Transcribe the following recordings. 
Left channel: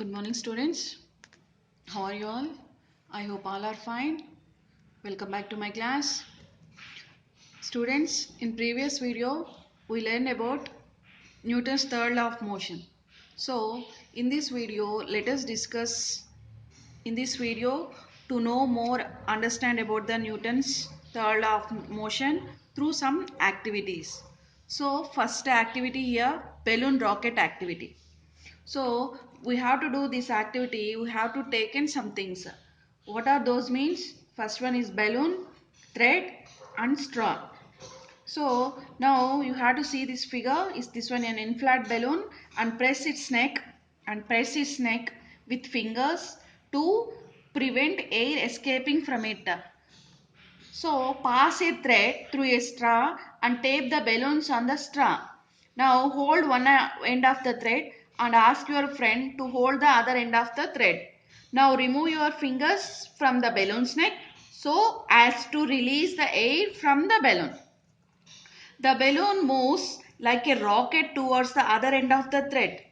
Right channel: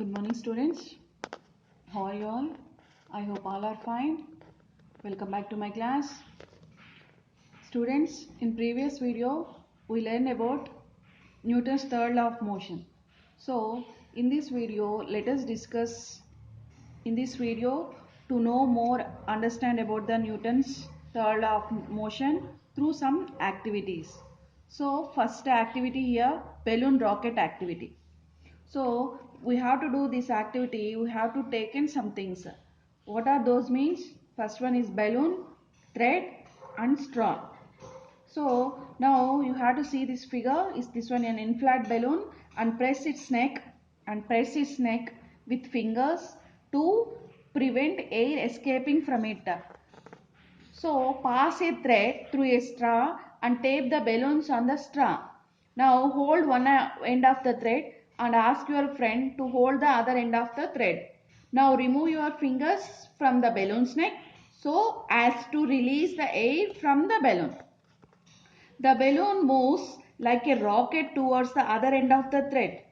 Good morning, students. How are you all? I hope all are fine. Welcome back to my class. Students, in previous video, we learned about Newton's third law of motion. So, in this video, let us discuss in this video to know more, understand about the Newton's third law of motion through some activities. So, first activity here, balloon rocket activity. So we have to do this activity. We have to take in some things. What are those means? First one is balloon, thread and straw. So now you have to see this figure. Is this one an inflated balloon and press its neck with fingers to prevent air escaping from it. So pass a thread through a straw and tape the balloons on the straw. Now hold one end of the thread and ask your friend to hold the other end of the thread. Now remove your fingers from the balloon's neck so as to release the air from the balloon. The balloon moves like a rocket towards the other end of the thread.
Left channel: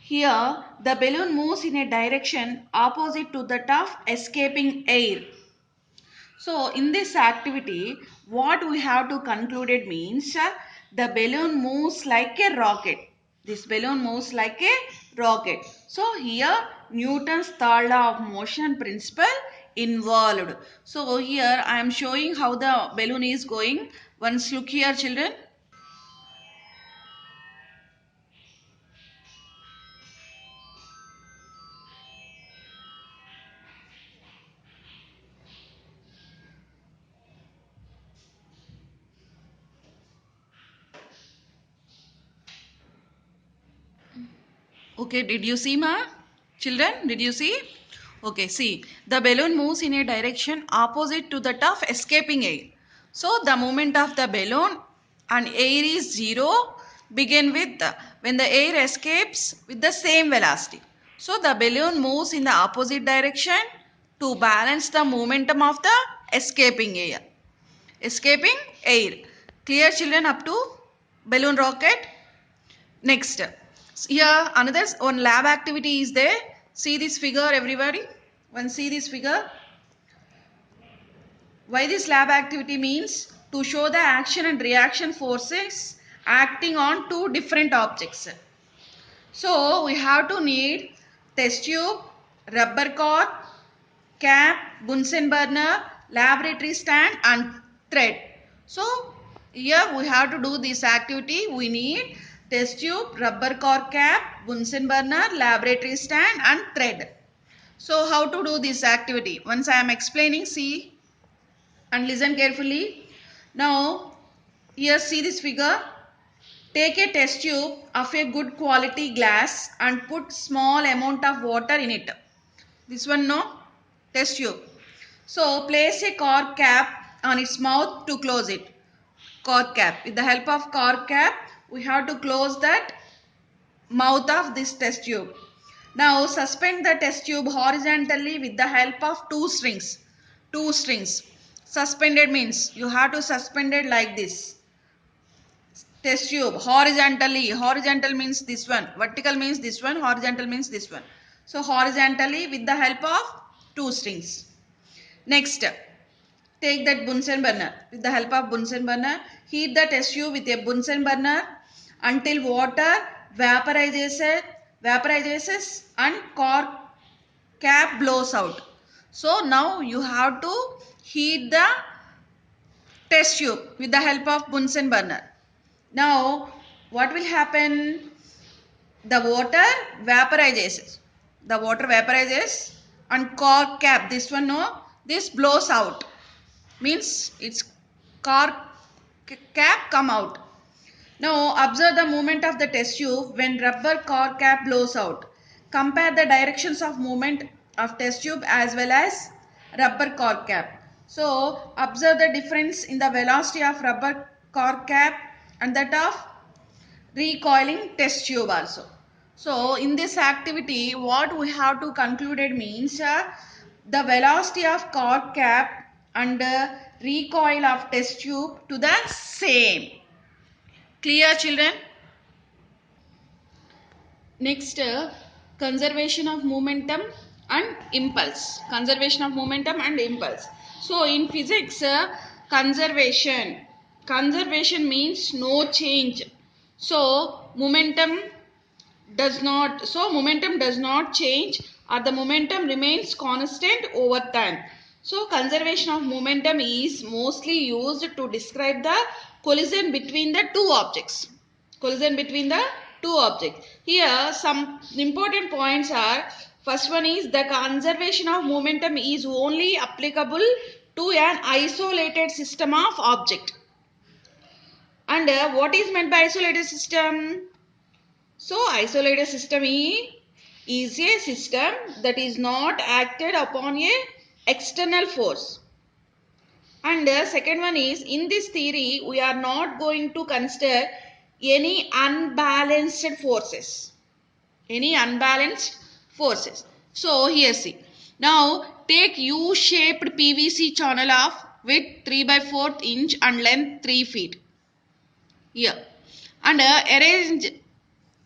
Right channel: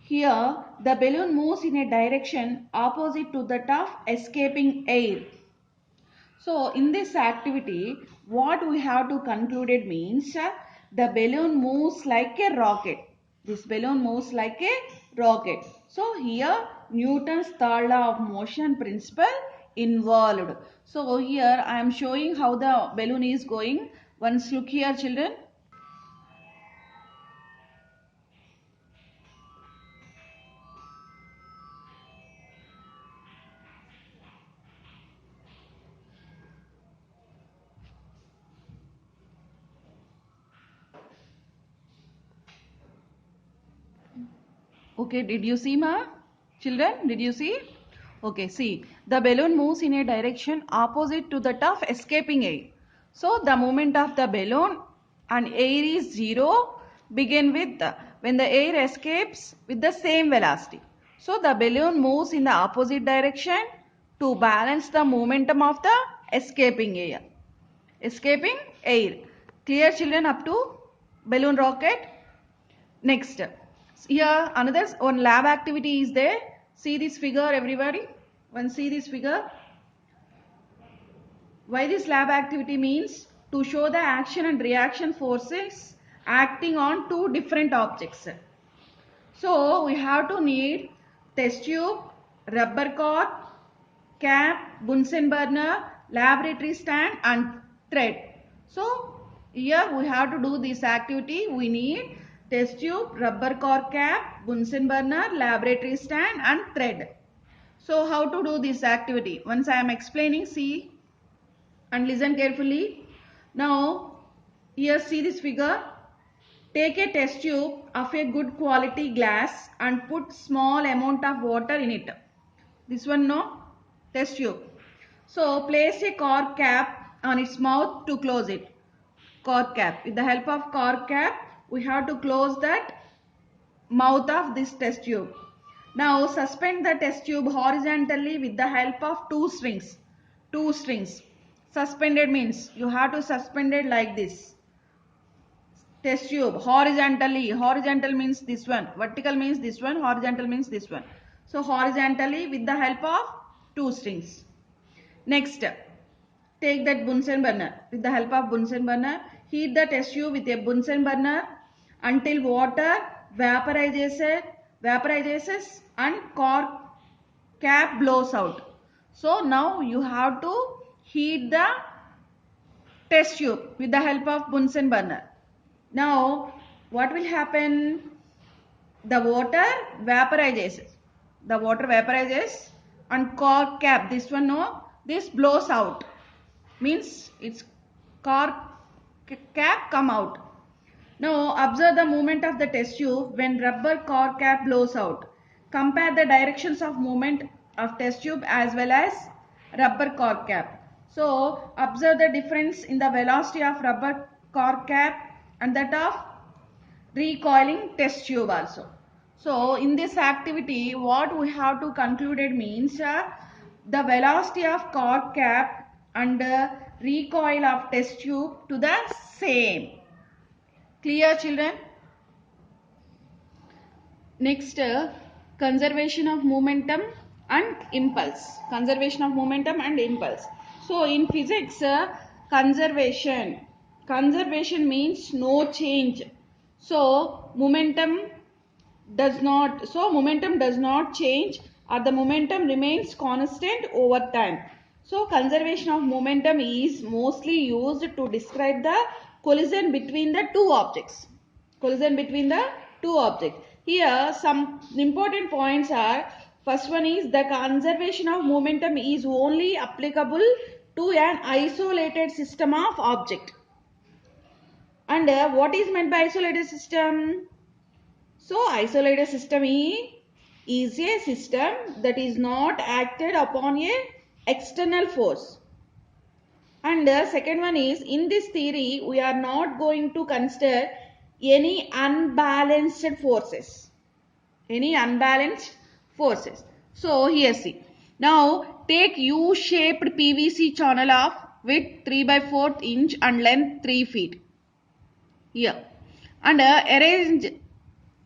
Here, the balloon moves in a direction opposite to that of escaping air. So in this activity, what we have to conclude it means the balloon moves like a rocket. This balloon moves like a rocket. So here Newton's third law of motion principle involved. So here I am showing how the balloon is going. Once look here, children. Okay, did you see, ma? Children, did you see? Okay, see, the balloon moves in a direction opposite to that of escaping air. So, the movement of the balloon and air is zero begin with when the air escapes with the same velocity. So, the balloon moves in the opposite direction to balance the momentum of the escaping air. Escaping air. Clear, children, up to balloon rocket? Next, here another one lab activity is there. See this figure, everybody. One see this figure. Why this lab activity means? To show the action and reaction forces acting on two different objects. So we have to need test tube, rubber cord, cap, Bunsen burner, laboratory stand and thread. So here we have to do this activity. We need test tube, rubber core cap, Bunsen burner, laboratory stand and thread. So how to do this activity? Once I am explaining, see and listen carefully. Now here see this figure. Take a test tube of a good quality glass and put small amount of water in it. This one no test tube. So place a cork cap on its mouth to close it. Cork cap. With the help of cork cap, we have to close that mouth of this test tube. Now suspend the test tube horizontally with the help of two strings. Two strings. Suspended means you have to suspend it like this. Test tube horizontally. Horizontal means this one. Vertical means this one. Horizontal means this one. So horizontally with the help of two strings. Next, take that Bunsen burner. With the help of Bunsen burner, heat the test tube with a Bunsen burner until water vaporizes and cork cap blows out. So now you have to heat the test tube with the help of Bunsen burner. Now what will happen? The water vaporizes. The water vaporizes and cork cap, this one no, this blows out. Means its cork cap come out. Now observe the movement of the test tube when rubber cork cap blows out. Compare the directions of movement of test tube as well as rubber cork cap. So observe the difference in the velocity of rubber cork cap and that of recoiling test tube also. So in this activity what we have to conclude it means the velocity of cork cap and recoil of test tube to the same. Clear, children? Next, conservation of momentum and impulse. Conservation of momentum and impulse. So in physics, conservation means no change. So momentum does not change, or the momentum remains constant over time. So conservation of momentum is mostly used to describe the collision between the two objects. Here some important points are, first one is the conservation of momentum is only applicable to an isolated system of object. And what is meant by isolated system? So isolated system is a system that is not acted upon a external force. And the second one is, in this theory we are not going to consider any unbalanced forces. So here see. Now take U-shaped PVC channel of width 3/4 inch and length 3 feet. Here. And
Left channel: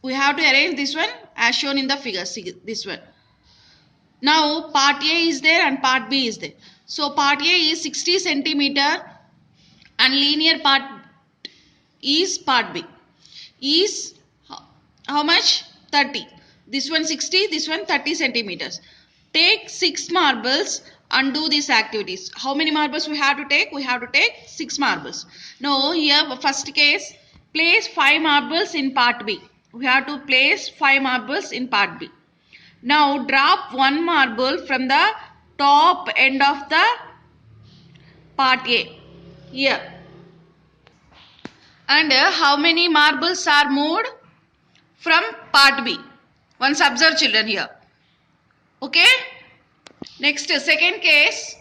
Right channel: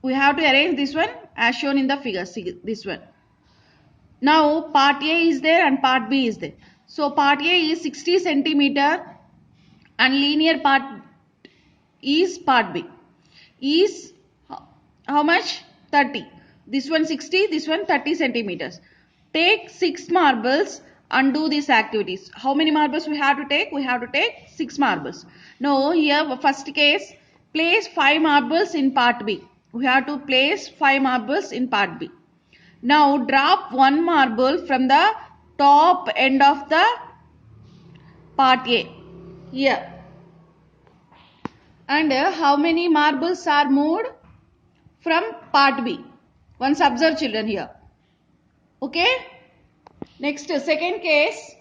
we have to arrange this one as shown in the figure. See this one. Now part A is there and part B is there. So part A is 60 centimeter and linear part is part B is how much? 30. This one 60, this one 30 centimeters. Take 6 marbles and do these activities. How many marbles we have to take? We have to take 6 marbles. Now here first case, place 5 marbles in part B. We have to place 5 marbles in part B. Now drop 1 marble from the top end of the part A. Here. And how many marbles are moved from part B? Once observe children here. Okay. Next second case.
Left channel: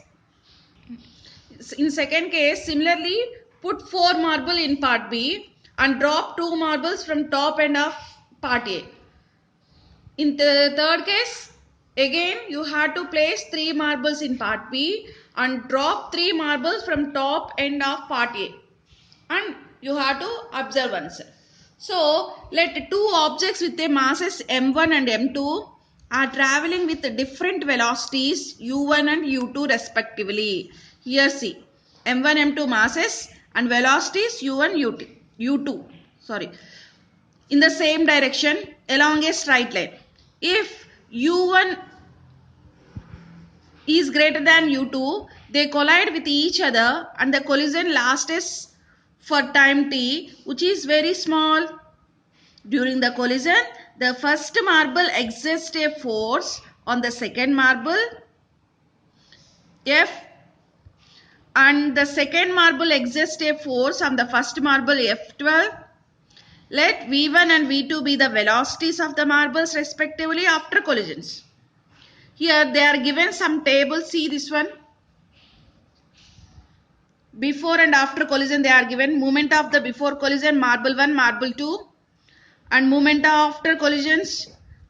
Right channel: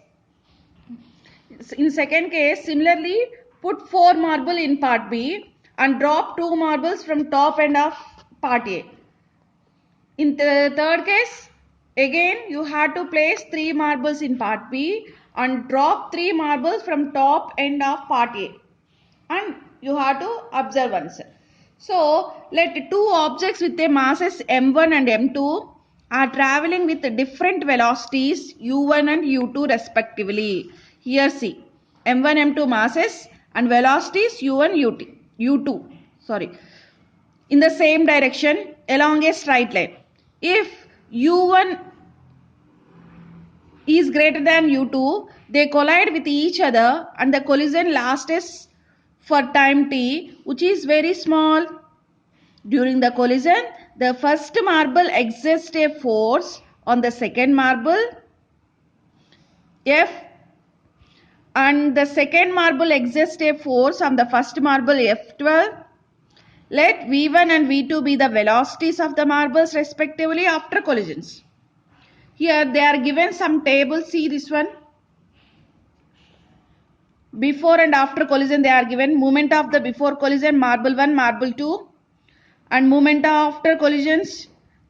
In second case, similarly put 4 marble in part B and drop 2 marbles from top end of part A. In the third case, again you have to place 3 marbles in part B and drop 3 marbles from top end of part A. And you have to observe oneself. So let two objects with their masses m1 and m2 are traveling with different velocities u1 and u2 respectively. Here see, m1 m2 masses and velocities u1 u2 in the same direction along a straight line. If u1 is greater than u2, they collide with each other and the collision lasts for time t, which is very small. During the collision, the first marble exerts a force on the second marble F, and the second marble exerts a force on the first marble F12. Let V1 and V2 be the velocities of the marbles respectively after collisions. Here they are given some tables. See this one. Before and after collision they are given. Moment of the before collision, marble 1, marble 2. And moment after collisions,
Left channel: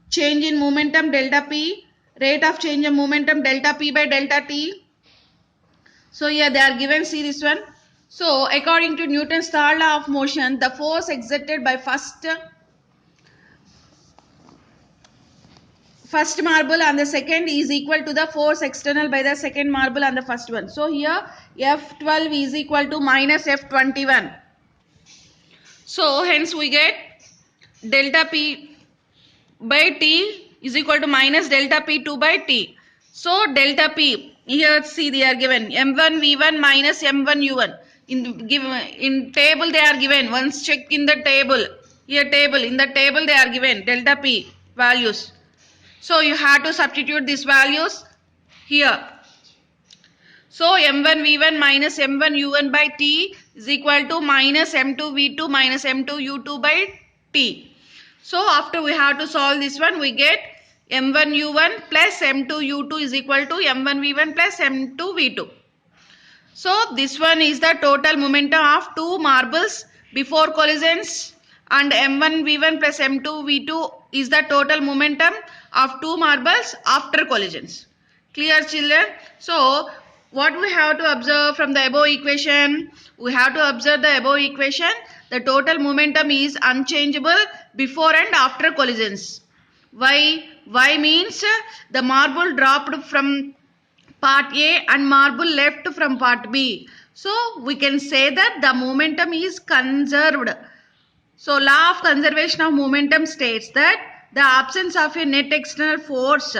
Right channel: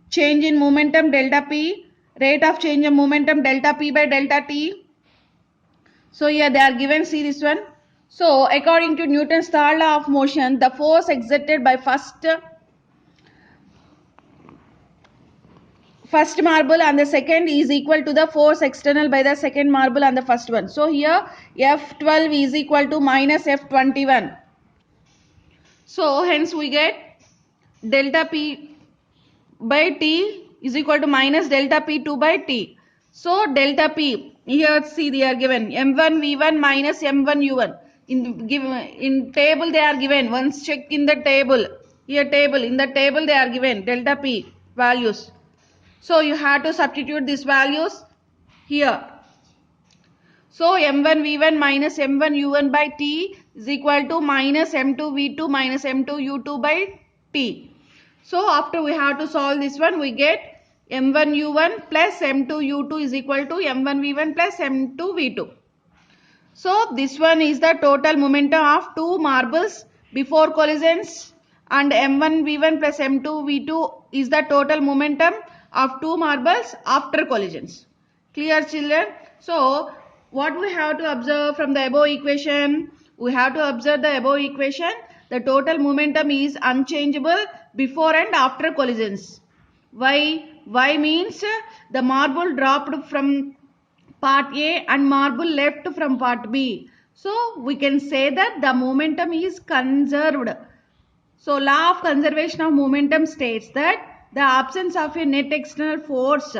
change in momentum delta P. Rate of change of momentum delta P by delta T. So here they are given. See this one. So according to Newton's third law of motion, the force exerted by first marble on the second is equal to the force external by the second marble on the first one. So here F12 is equal to minus F21. So hence we get delta P by T is equal to minus delta P2 by T. So delta P, here see they are given M1 V1 minus M1 U1. In table they are given. Once check in the table. Here table, in the table they are given delta P values. So you have to substitute these values here. So M1 V1 minus M1 U1 by T is equal to minus M2 V2 minus M2 U2 by T. So after we have to solve this one, we get M1 U1 plus M2 U2 is equal to M1 V1 plus M2 V2. So this one is the total momentum of two marbles before collisions, and M1 V1 plus M2 V2 is the total momentum of two marbles after collisions. Clear children? So what we have to observe from the above equation? We have to observe the above equation. The total momentum is unchangeable before and after collisions. Why? Why means the marble dropped from part A and marble left from part B. So we can say that the momentum is conserved. So law of conservation of momentum states that the absence of a net external force,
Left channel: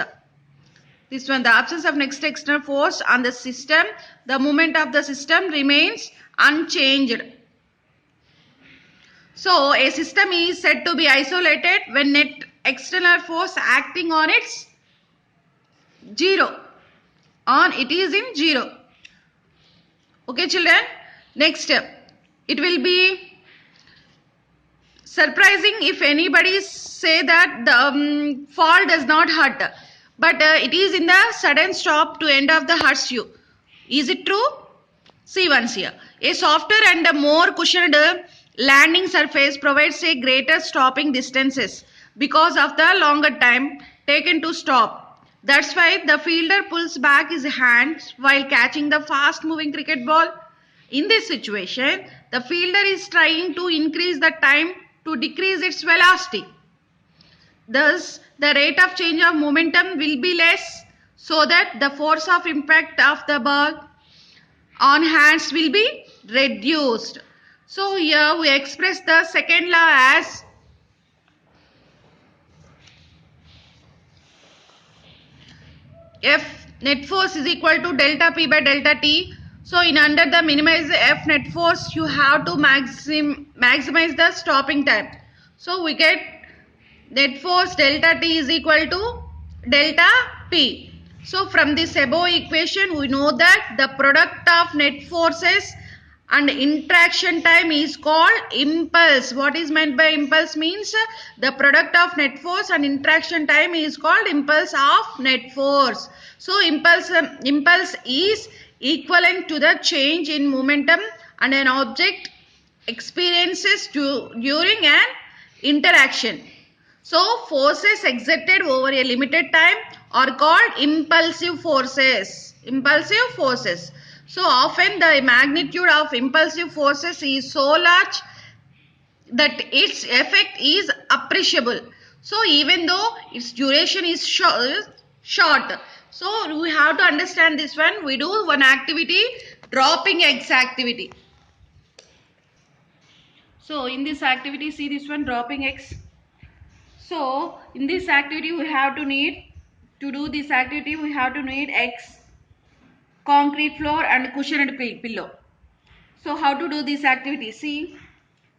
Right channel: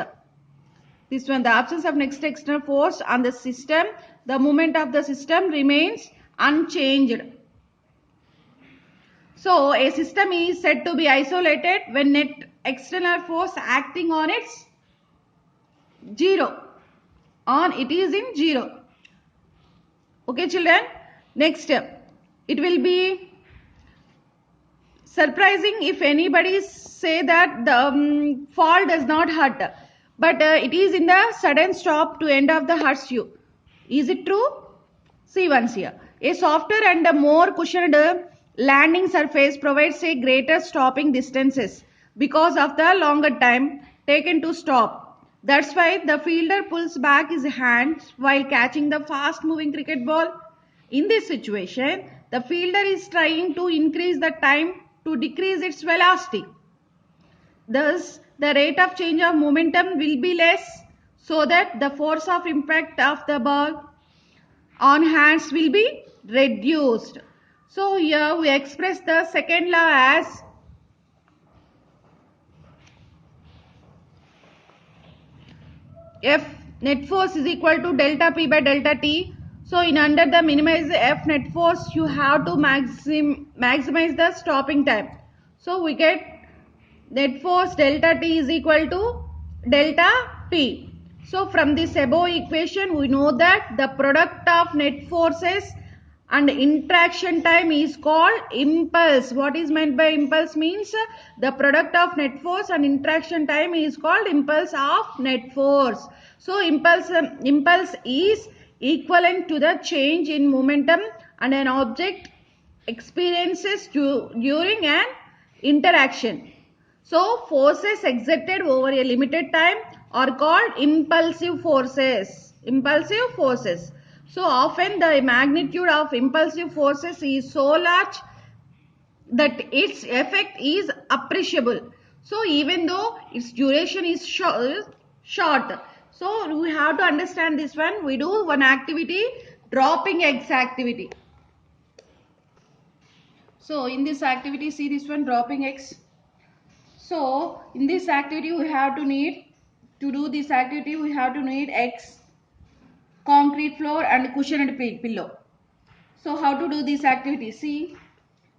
this one, the absence of net external force on the system, the moment of the system remains unchanged. So a system is said to be isolated when net external force acting on it is in zero. Okay children, next step. It will be surprising if anybody say that the fall does not hurt, but it is in the sudden stop to end of the hurts you. Is it true? See once here. A softer and a more cushioned landing surface provides a greater stopping distances because of the longer time taken to stop. That's why the fielder pulls back his hands while catching the fast moving cricket ball. In this situation, the fielder is trying to increase the time to decrease its velocity. Thus, the rate of change of momentum will be less, so that the force of impact of the ball on hands will be reduced. So here we express the second law as F net force is equal to delta P by delta T. So in under the minimize F net force, you have to maximize the stopping time. So we get net force delta T is equal to delta P. So from this above equation, we know that the product of net forces and interaction time is called impulse. What is meant by impulse means the product of net force and interaction time is called impulse of net force. So impulse is equivalent to the change in momentum and an object experiences during an interaction. So forces exerted over a limited time are called impulsive forces. Impulsive forces. So often the magnitude of impulsive forces is so large that its effect is appreciable. So even though its duration is short. So we have to understand this one. We do one activity, dropping eggs activity. So in this activity, see this one, dropping eggs. So in this activity we have to need, to do this activity we have to need eggs, concrete floor and cushioned pillow. So how to do this activity? See.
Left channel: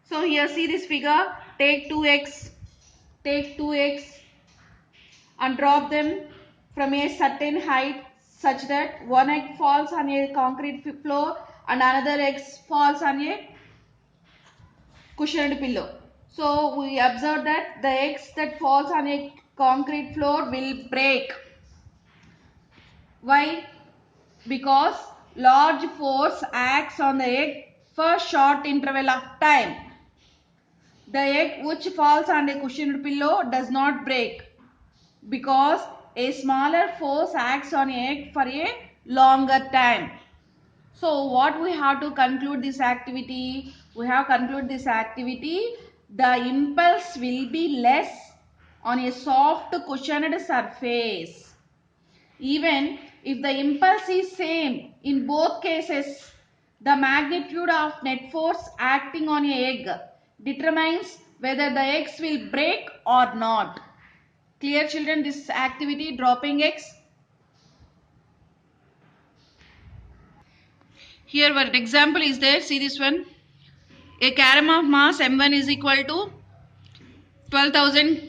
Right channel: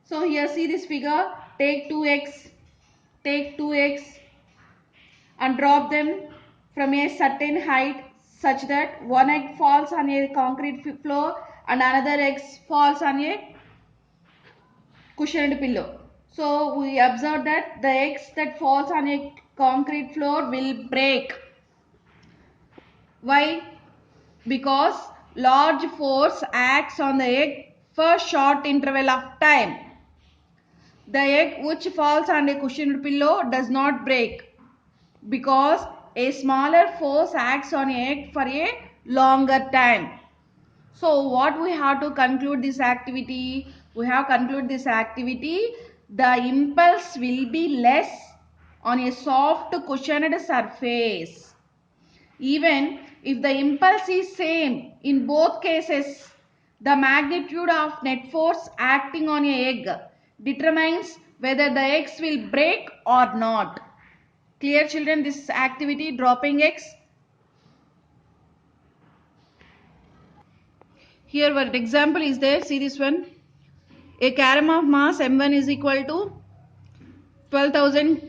So here see this figure. Take two eggs and drop them from a certain height such that one egg falls on a concrete floor and another egg falls on a cushioned pillow. So we observe that the eggs that falls on a concrete floor will break. Why? Because large force acts on the egg for short interval of time. The egg which falls on a cushioned pillow does not break because a smaller force acts on a egg for a longer time. So what we have to conclude this activity? We have concluded this activity. The impulse will be less on a soft cushioned surface. Even if the impulse is same in both cases, the magnitude of net force acting on a egg determines whether the eggs will break or not. Clear children, this activity, dropping eggs? Here one example is there, see this one. A carom of mass m1 is equal to 12,000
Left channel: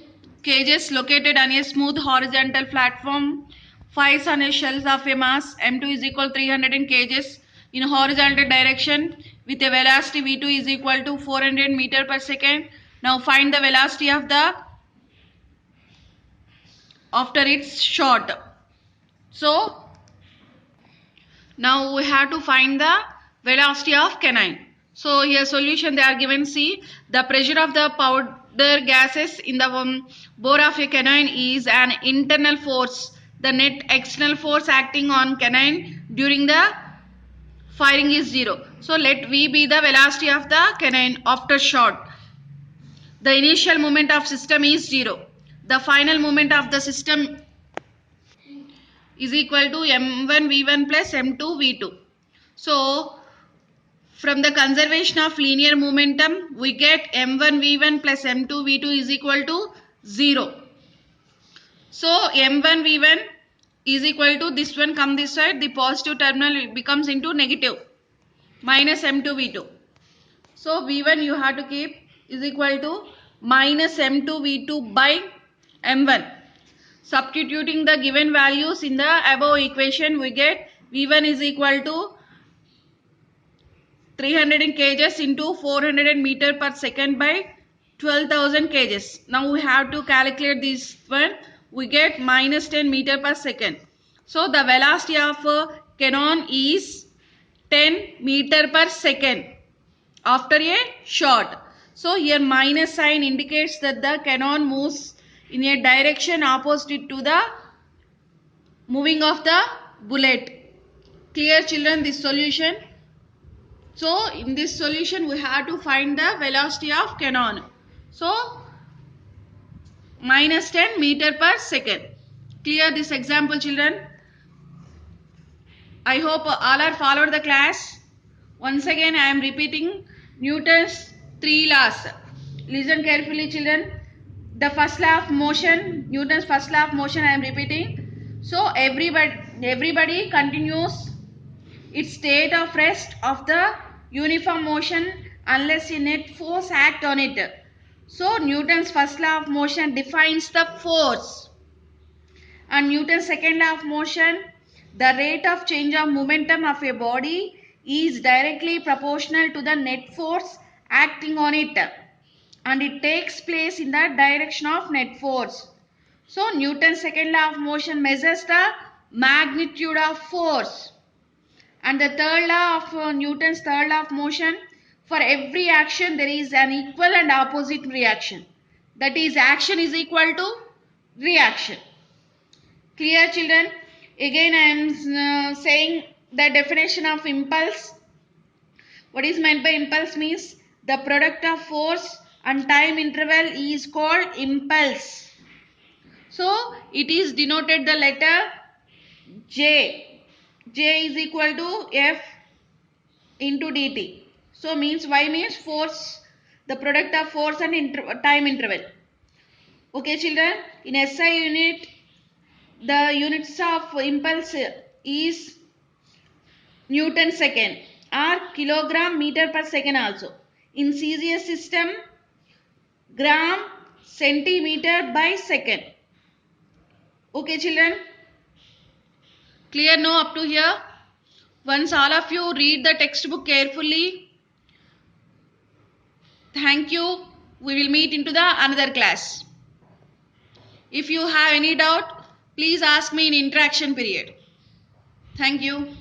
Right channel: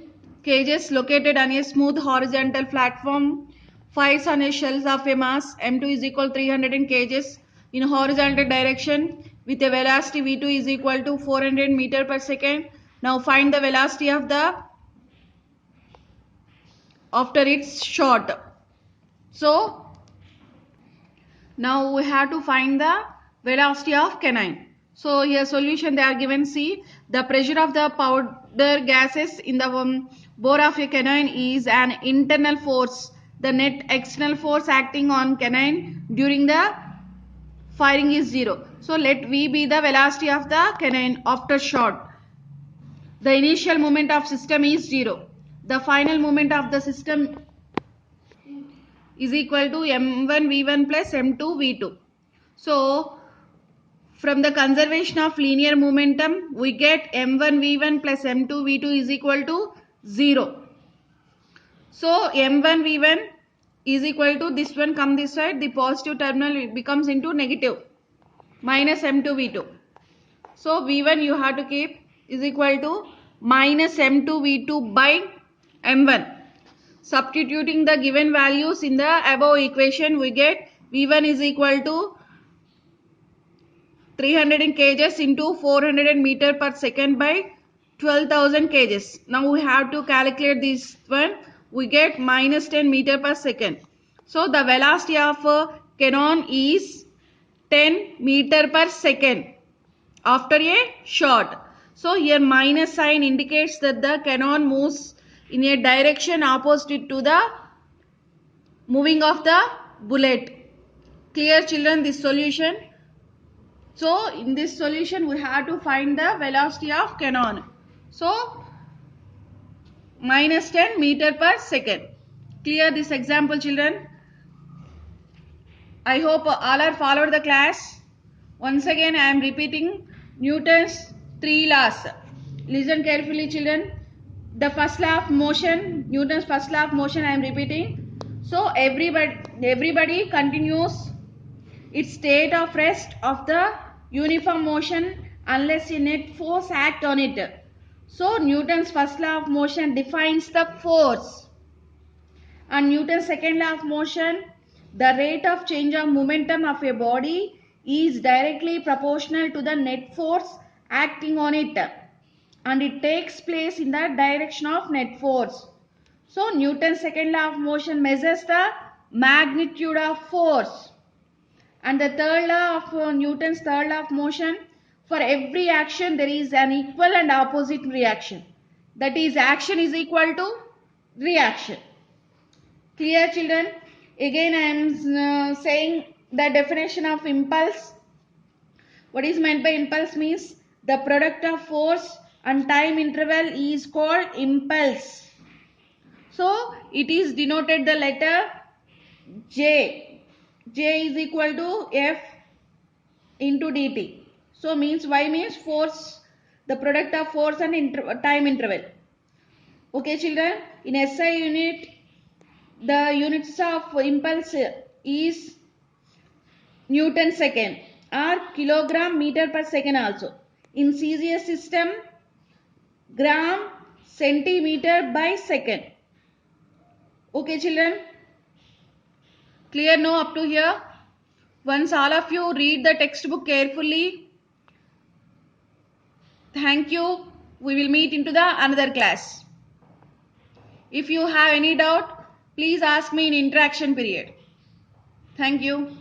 kgs located on a smooth horizontal platform fires on a shells of a mass m2 is equal to 300 kgs in horizontal direction with a velocity v2 is equal to 400 meter per second. Now find the velocity of the after its shot. So now we have to find the velocity of canine. So here solution they are given. See, the pressure of the powder gases in the bore of a canine is an internal force. The net external force acting on canine during the firing is 0. So let V be the velocity of the canine after shot. The initial moment of system is 0. the final moment of the system is equal to m1 v1 plus m2 v2. So from the conservation of linear momentum, we get m1 v1 plus m2 v2 is equal to 0. So m1 v1 is equal to, this one come this side, the positive terminal becomes into negative, minus m2 v2. So v1 you have to keep is equal to minus m2 v2 by m1. Substituting the given values in the above equation, we get v1 is equal to 300 kgs into 400 meter per second by 12,000 kgs. Now we have to calculate this one. We get minus 10 meter per second. So the velocity of cannon is 10 meter per second after a shot. So here minus sign indicates that the cannon moves in a direction opposite to the moving of the bullet. Clear children, this solution? So in this solution we have to find the velocity of cannon. So minus 10 meter per second. Clear this example children? I hope all are followed the class. Once again I am repeating Newton's 3 laws. Listen carefully children. The first law of motion, Newton's first law of motion I am repeating. So everybody continues its state of rest of the uniform motion unless a net force act on it. So Newton's first law of motion defines the force, and Newton's second law of motion, the rate of change of momentum of a body is directly proportional to the net force acting on it, and it takes place in the direction of net force. So Newton's second law of motion measures the magnitude of force. And the third law of Newton's third law of motion, for every action there is an equal and opposite reaction. That is, action is equal to reaction. Clear children? Again I am saying the definition of impulse. What is meant by impulse means the product of force and time interval is called impulse. So it is denoted the letter J. J is equal to F into dt. So means Y means force, the product of force and time interval. Okay children, in SI unit the units of impulse is Newton second or kilogram meter per second also. In CGS system, gram centimeter by second. Okay children, clear now up to here? Once all of you read the textbook carefully. Thank you. We will meet into the another class. If you have any doubt, please ask me in interaction period. Thank you.